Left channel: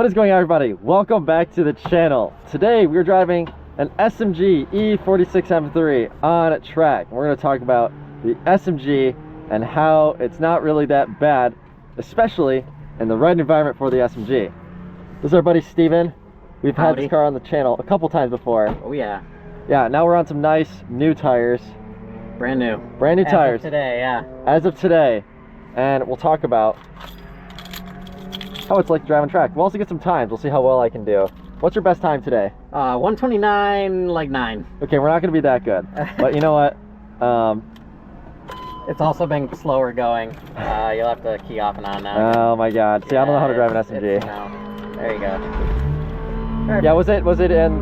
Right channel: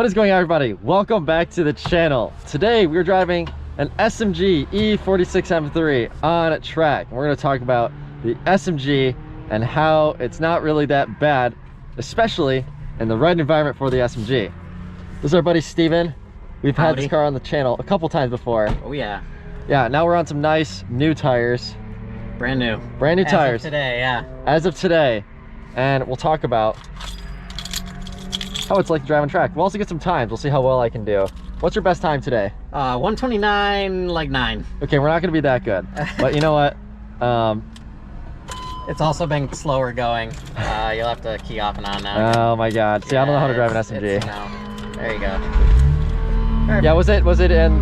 What is going on, everybody? Welcome back to the channel. Today we're driving an SMG E46 M3 on a track. We're going to talk about the SMG and how it's not really that bad, especially in the right environment for the SMG. This is our buddy Steven. We've had this car on the channel a couple times before. Oh yeah. Yeah, now we're on some nice new tires. Brand new tires. As of today, yeah. As of today. And we'll talk about how it's like driving track. We'll also get some times. We'll see how well I can do. What's your best time today? 129, like 9. Okay, we're not gonna be that good. But you know what? It's also been slower going. You'll have to key off and on now. Oh my God. See, yeah, I don't know how to drive an SMG. There you go. Perfect. Yeah, was it in?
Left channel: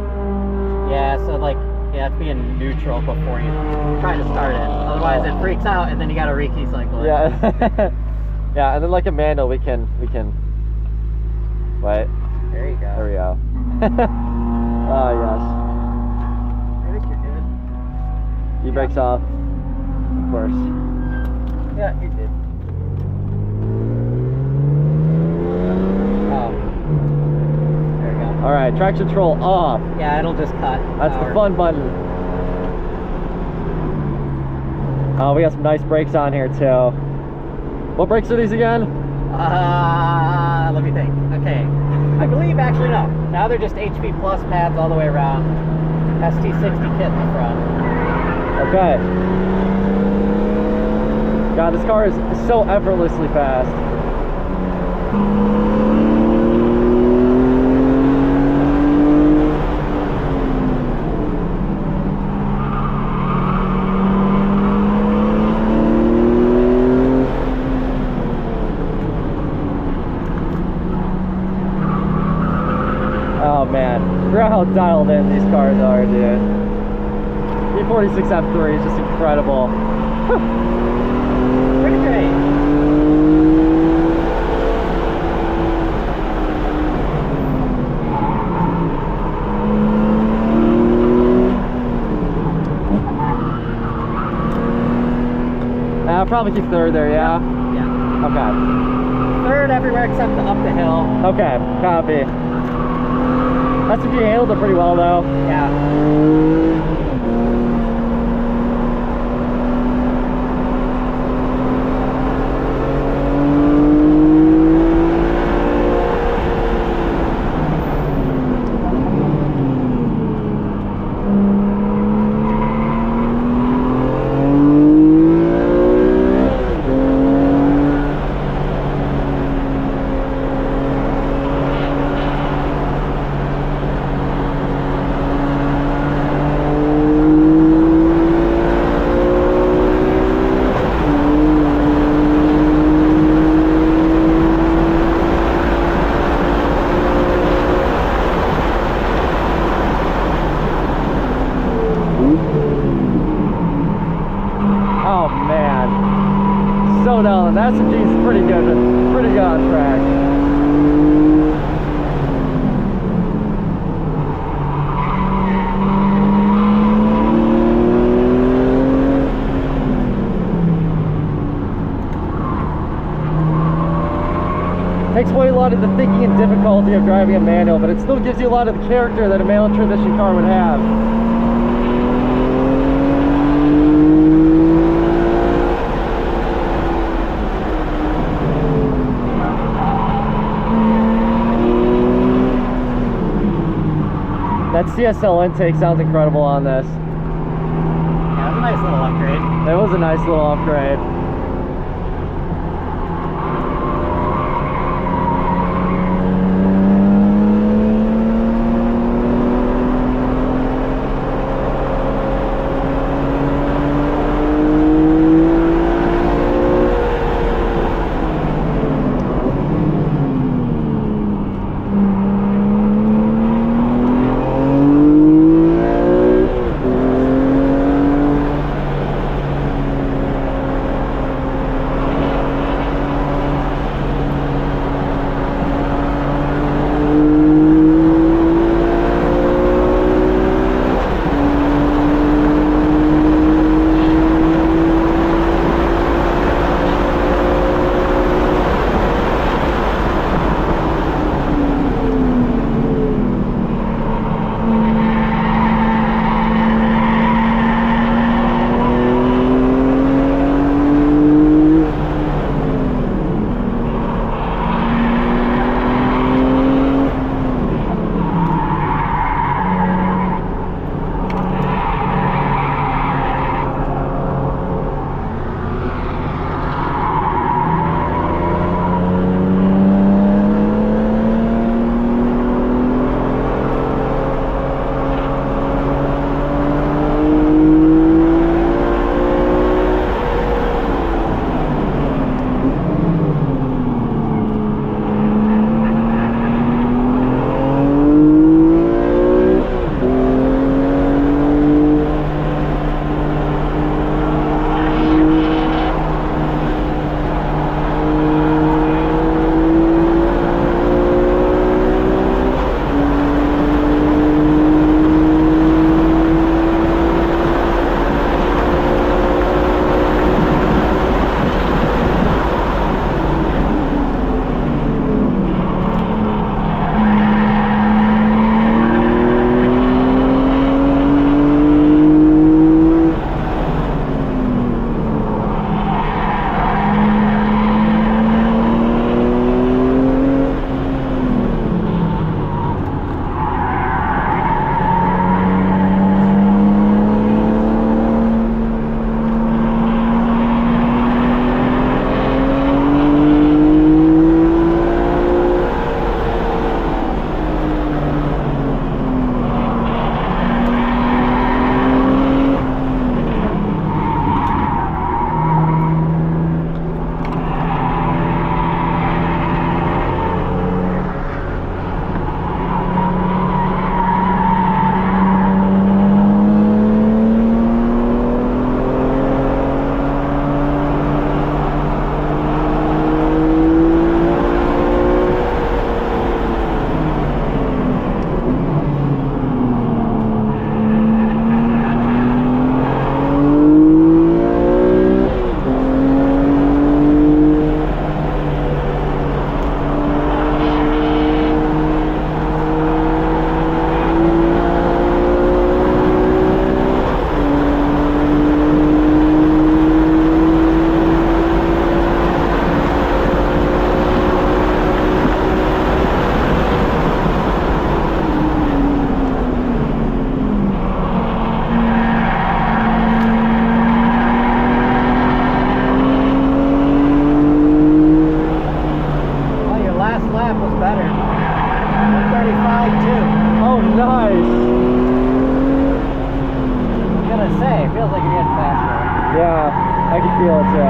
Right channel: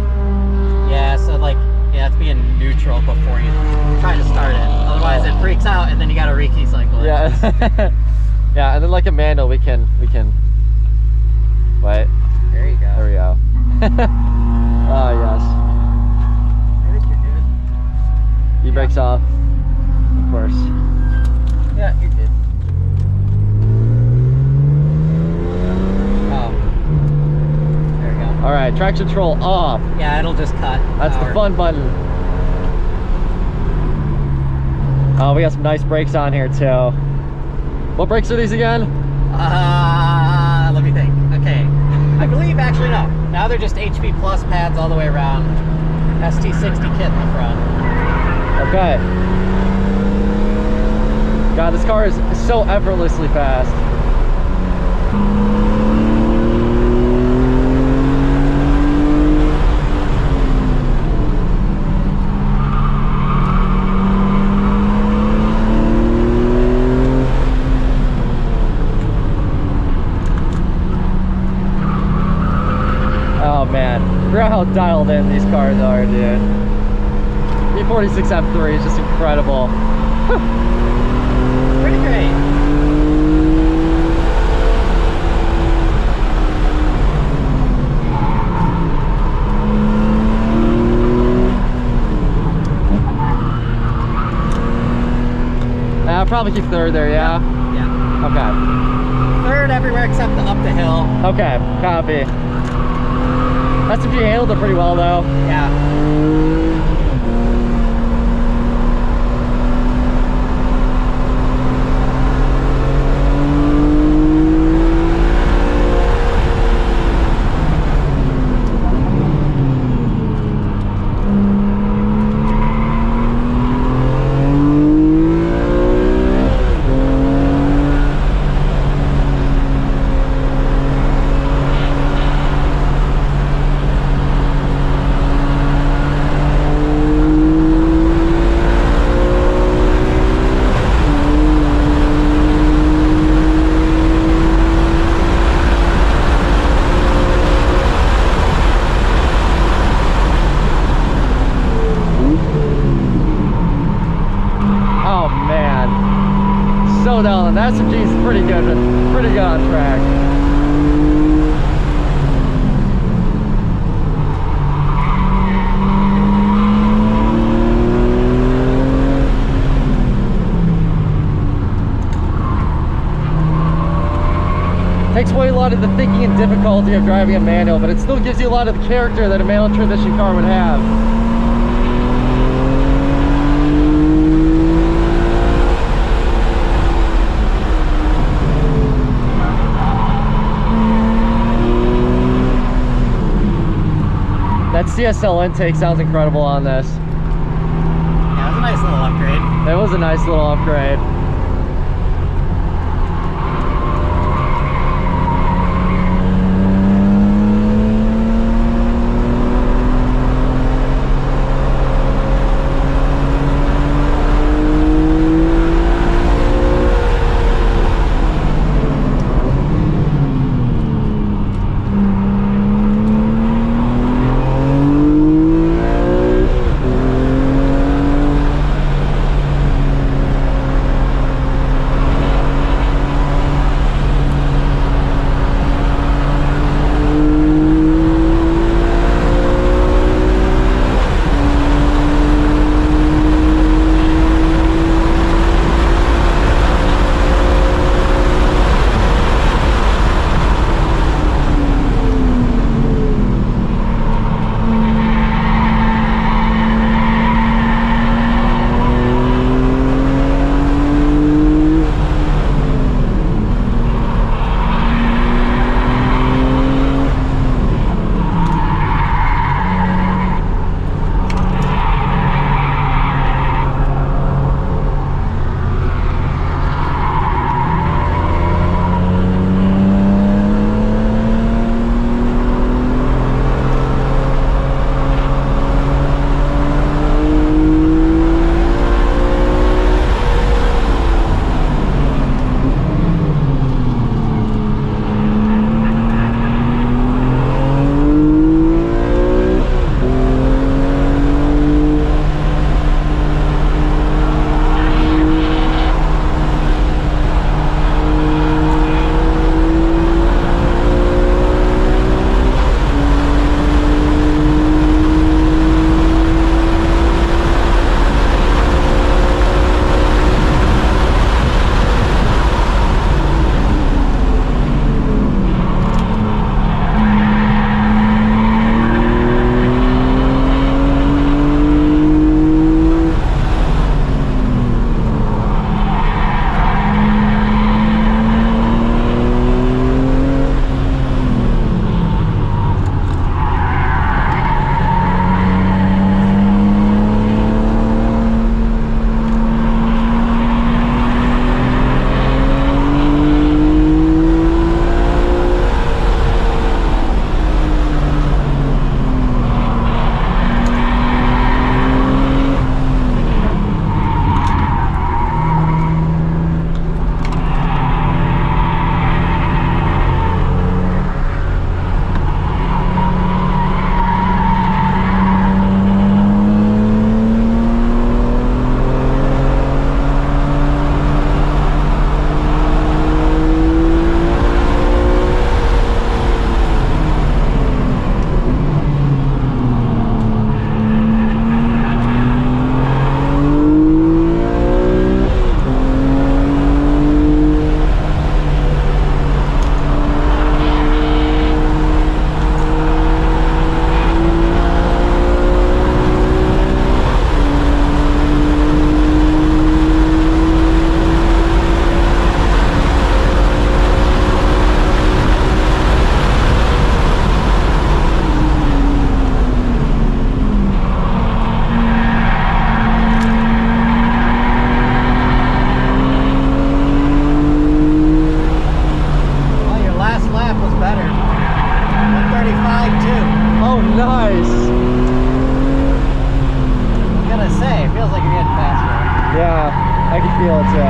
Yeah, so like, you have to be in neutral before you try to start it. Otherwise it freaks out and then you gotta re-key cycle it. Yeah. Yeah, and then like a manual we can wait. There you go. There we go. Oh yes. I think you're good. E-brakes off, of course. Yeah, you're good. There we go. Alright, traction control off. Yeah, it'll just cut. That's the fun button. Oh, we got some nice brakes on here too. What brakes are these again? Let me think. Okay, I believe actually no. Now they're just HP Plus pads all the way around. ST60 kit in the front. Okay. God, this car is so effortlessly fast. Forgot how dialed in these cars are, dude. E46 M3 is just incredible. It's pretty great. I'll probably keep third there, yeah? Yeah. Okay. Third everywhere except the up the hill. Okay, copy. SMG handled it pretty well though. Yeah. The SMG is pretty good on track. Takes away a lot of the thinking and difficulty of driving a manual, but it still gives you a lot of the character that a manual transmission car would have. That CSL intake sounds incredible on this. Yeah, it was a nice little upgrade. It was a nice little upgrade. I can feel it too.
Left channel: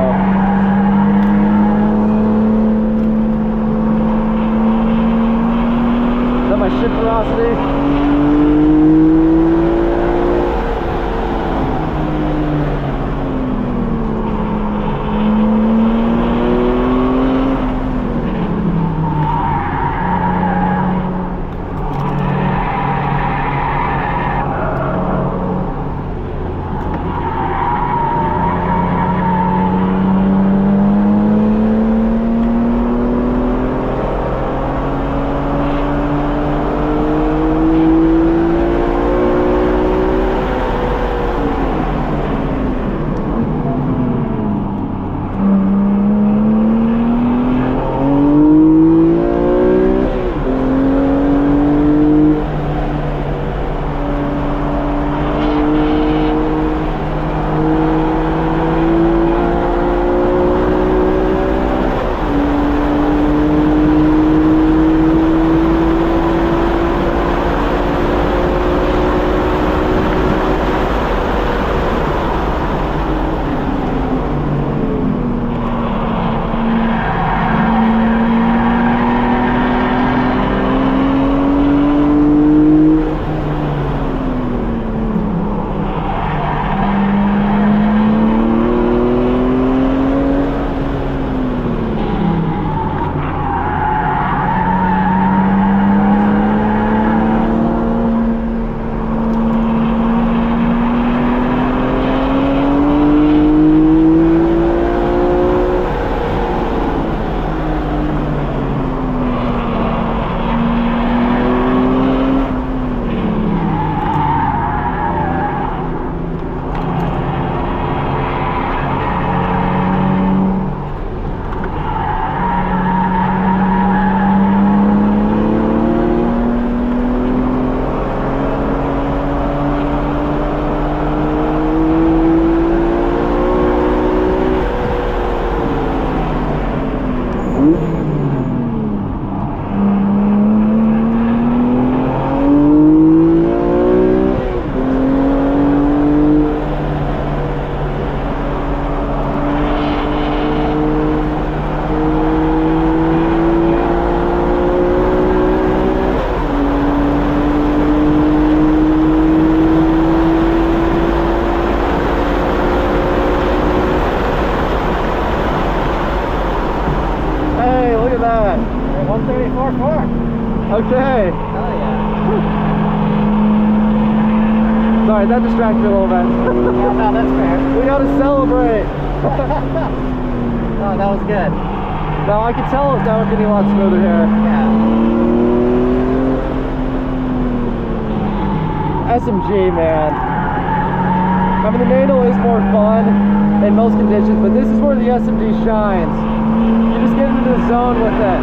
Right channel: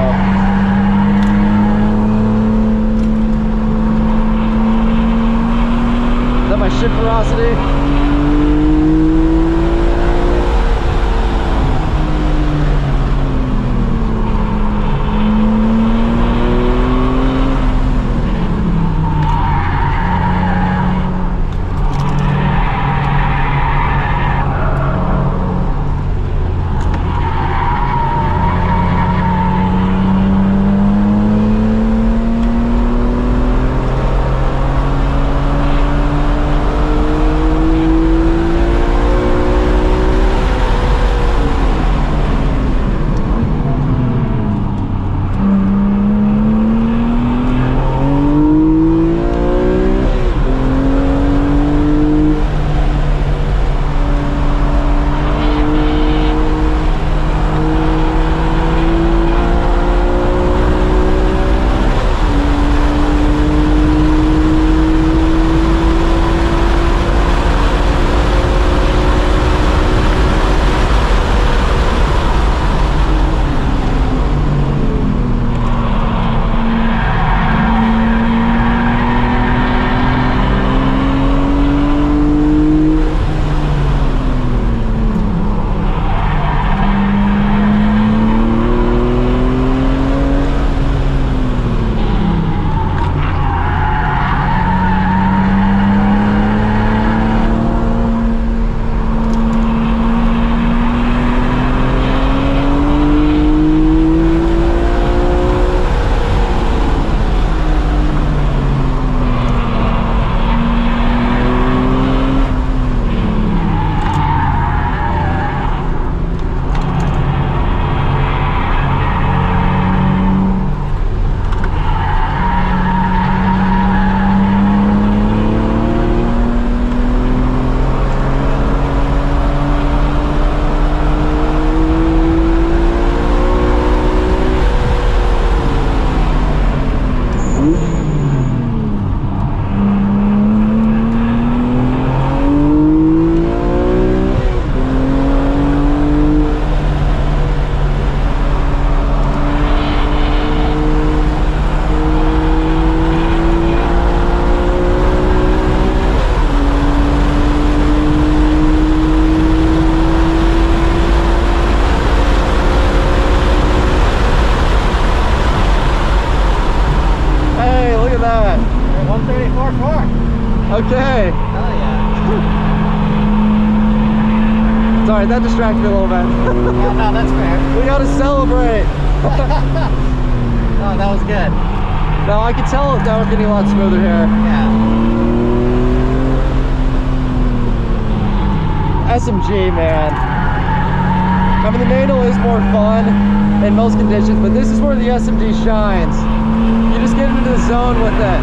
Is that my ship velocity? Okay. Hell yeah. Sorry, that distracted me a little bit. Yeah, no, that's fair. We gotta celebrate. Oh, that was good. No, I can tell now we're getting a lot smoother here. Yeah. SMG, man. I mean, the manual is more fun in most conditions, but this is where the SMG shines. You just get into the zone with it.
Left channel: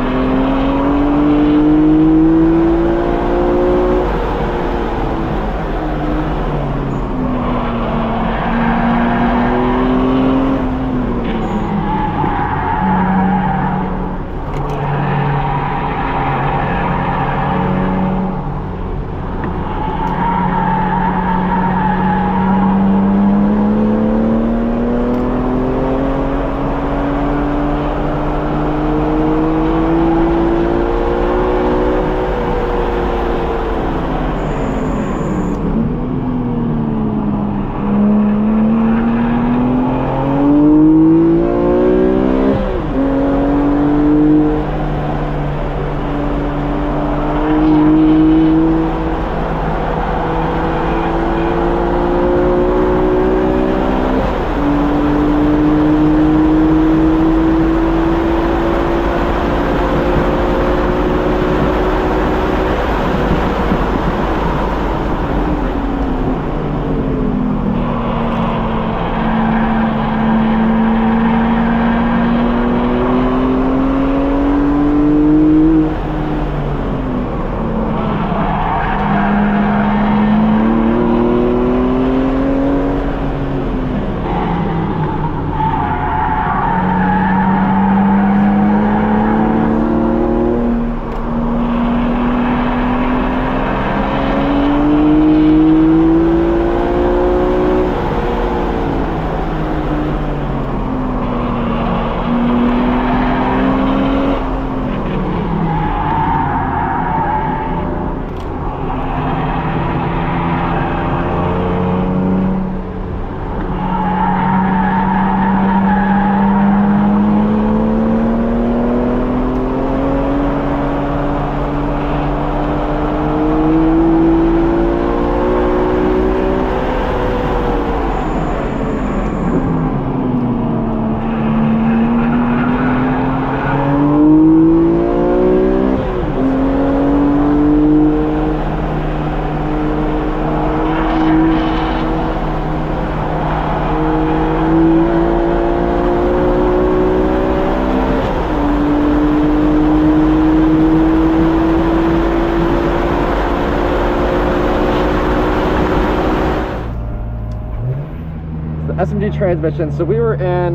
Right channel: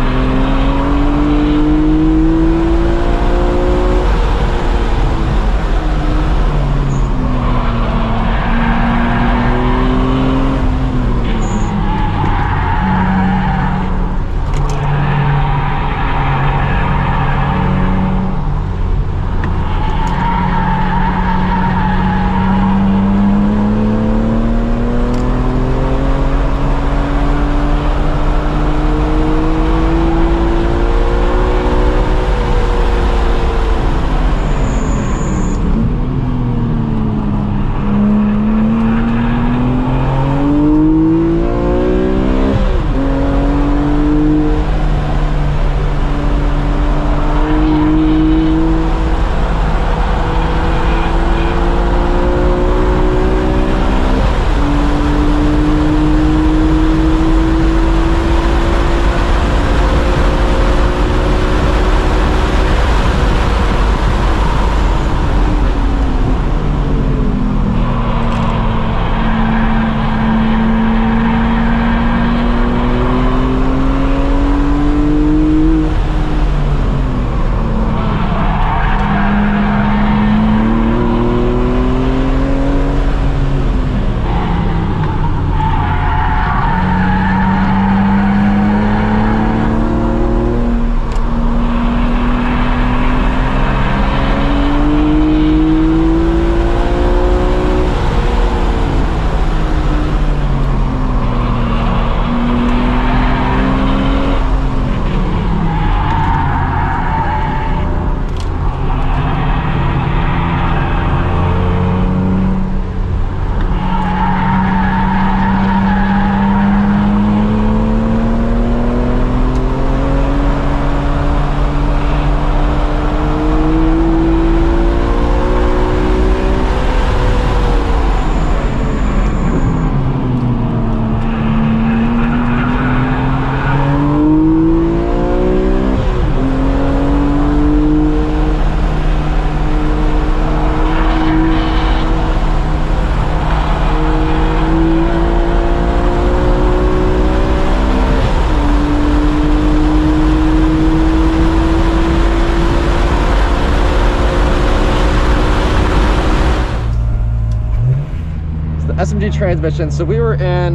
SMG transmission. So we were in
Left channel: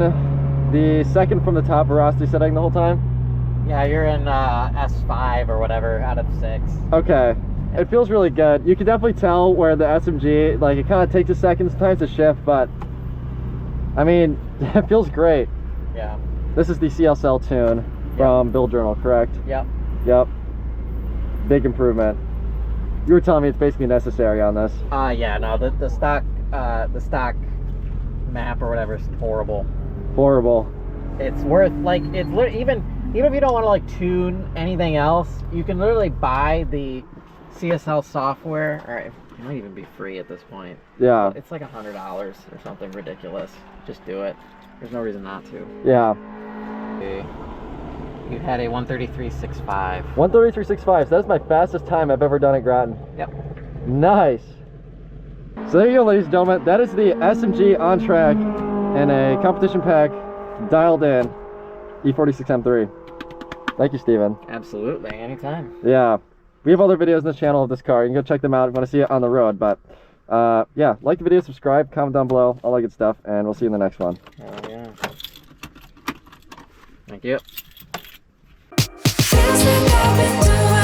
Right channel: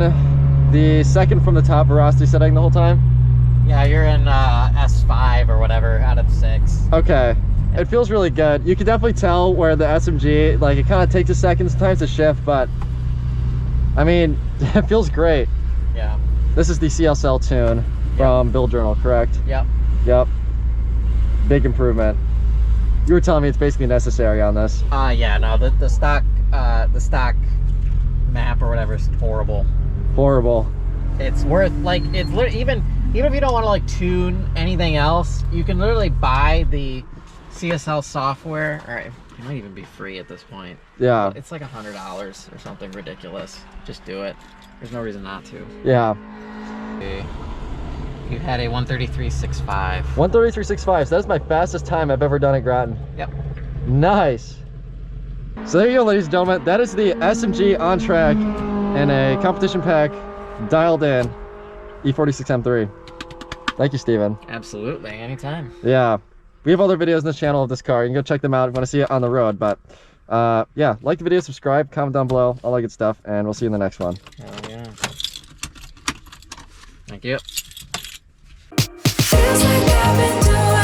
the second from the top velocity setting the whole time? Yeah, you're in S5 or whatever out of 6. Okay. It feels really good. You can definitely tell where the SMG, like, it kind of takes a second sometimes to shift, but I mean, it feels great. Yeah. This is the CLSL tune from Build Journal, correct? Yep. Yep. Big improvement. You were telling me it's basically necessary on this. Yeah, no, the stock map or whatever is horrible. Horrible. It's worth, like, it's even if you don't want to like tune anything else, you can literally buy the CSL software, or it might even be free at this point. Yeah. It's like $100 or something ridiculous. Just do it. There's no reason not to. Yeah. You had a 133.65. 133.65. So that's my fastest time I've ever done at Grattan. Yep. Nice. So there you go, ladies and gentlemen. That is the SMG on track in a competition pack, dialed in, E46 M3. Thank you, Steven. Absolutely, anytime. Yeah. We have other videos on this channel of this car. You can go check them out if you want to see it on the road. But yeah, like the video, subscribe, comment down below, all that good stuff, and we'll see you in the next one. Oh, yeah. Thank you. Feels like I've been doing